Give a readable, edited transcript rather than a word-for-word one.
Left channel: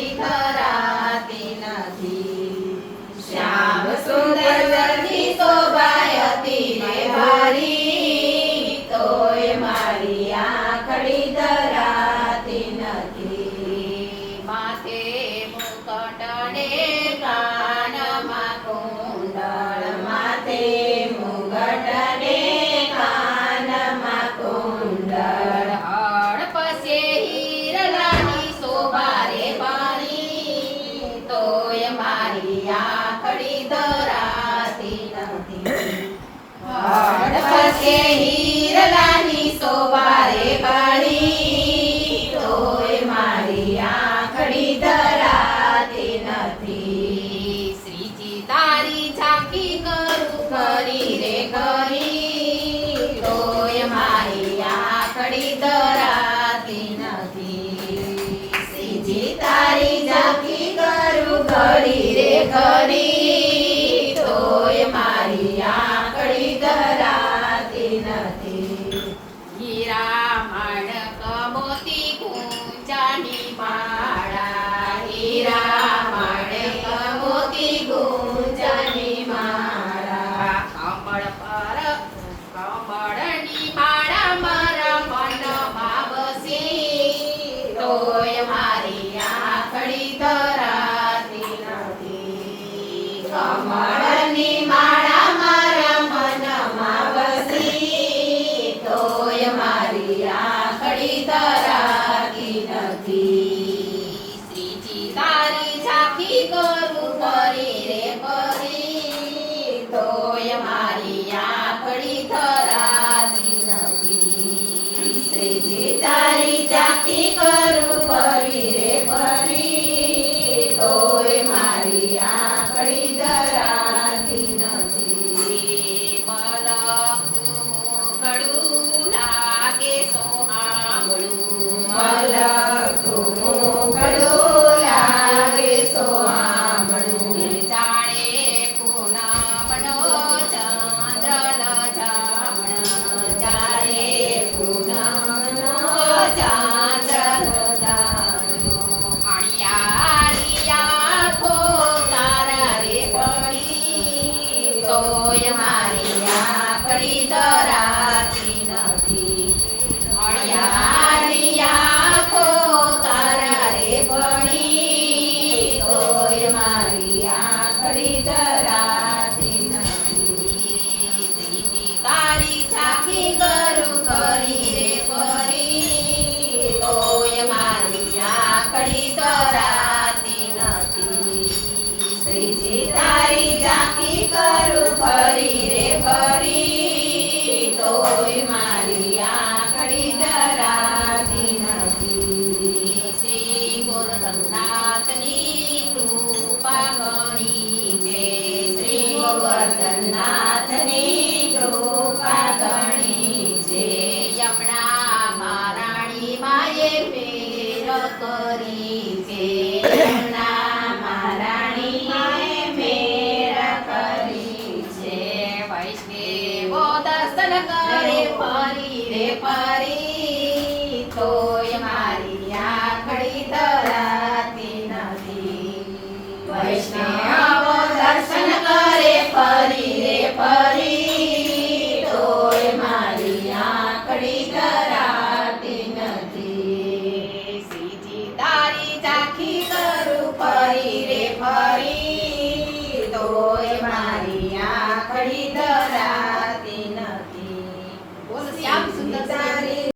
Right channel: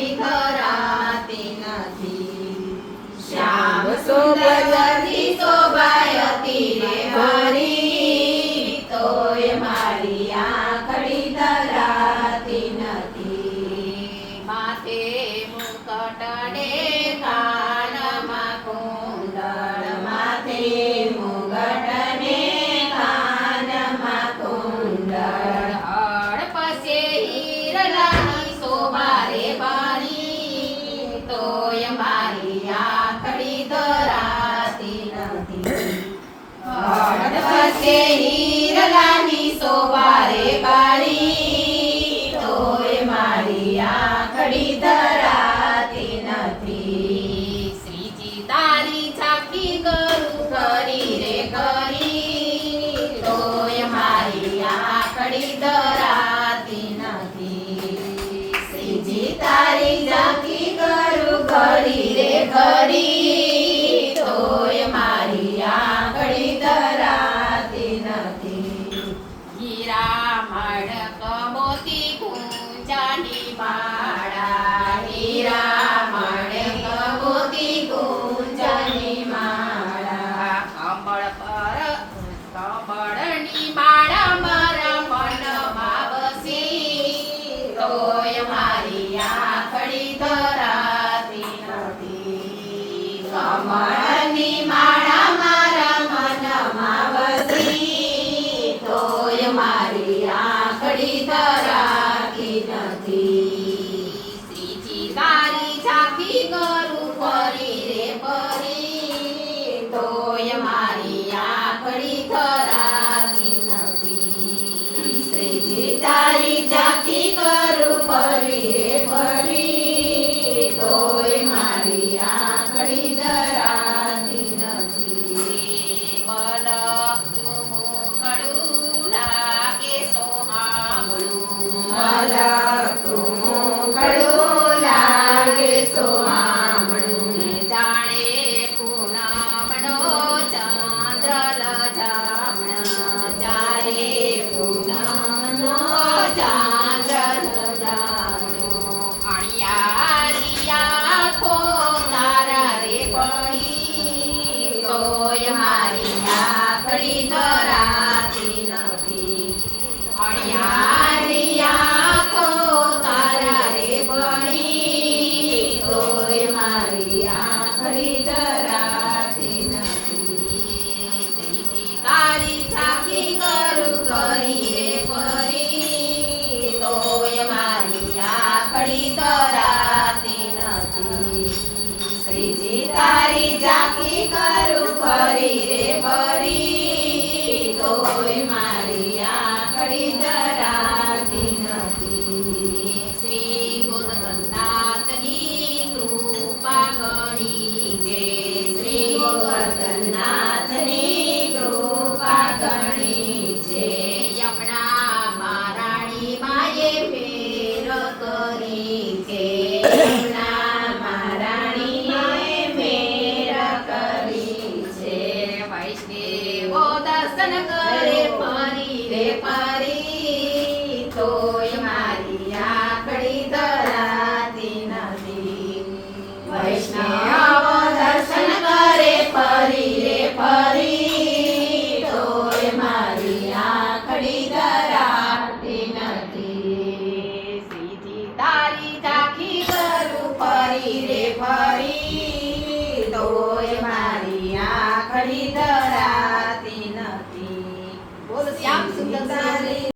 આખડી ધરાતી નથી. શ્યામ સુંદરથી શોભાયતી ને હરી, તોય મારી આખડી ધરાતી નથી. માથે મુકટ ને કાનમાં કુંડળ, માથે મુગટ ને કાનમાં કુંડળ, હડપસે હીરલાની શોભા રે ભરી, તોય મારી આખડી ધરાતી નથી. હડપસે હીરલાની શોભા રે ભરી, તોય મારી આખડી ધરાતી નથી. શ્રીજી તારી ઝાંખી કરું કરી રે કરી, તોય મારી આખડી ધરાતી નથી. શ્રીજી તારી ઝાંખી કરું કરી રે કરી, તોય મારી આખડી ધરાતી નથી. હીરા માણક મોતી કુંજાની માળા, હીરા માણક મોતી કુંજાની માળા, કમળ પર કમળની માળા મારા મનમાં વસી, તોય મારી આખડી ધરાતી નથી. કમળની માળા મારા મનમાં વસી, તોય મારી આખડી ધરાતી નથી. શ્રીજી તારી ઝાંખી કરું કરી રે કરી, તોય મારી આખડી ધરાતી નથી. શ્રીજી તારી ઝાંખી કરું કરી રે કરી, તોય મારી આખડી ધરાતી નથી. મલક તું મુખડું લાગે સોહામણું, મલક તું મુખડું લાગે સોહામણું, જાણે પૂનમનો ચાંદ્ર લજામણ, જાણે પૂનમનો ચાંદ્ર લજામણ. અણિયારી આંખો તારા રે પડી, તોય મારી આખડી ધરાતી નથી. અણિયારી આંખો તારા રે પડી, તોય મારી આખડી ધરાતી નથી. શ્રીજી તારી ઝાંખી કરું કરી રે કરી, તોય મારી આખડી ધરાતી નથી. શ્રીજી તારી ઝાંખી કરું કરી રે કરી, તોય મારી આખડી ધરાતી નથી. શ્રી ગુરુ સંતનાથની કૃપા ઘણી છે, શ્રી ગોવર્ધનનાથની કૃપા ઘણી છે. યમુના મહારાણી માએ ફેર કરી છે, યમુના મહારાણી માએ ફેર કરી છે. વૈષ્ણવો દર્શન કરે ફરી રે ફરી, તોય મારી આખડી ધરાતી નથી. વૈષ્ણવો દર્શન કરે ફરી રે ફરી, તોય મારી આખડી ધરાતી નથી. શ્રીજી તારી ઝાંખી કરું ફરી રે ફરી, તોય મારી આખડી ધરાતી નથી. બોલ શ્યામ સુંદર તારી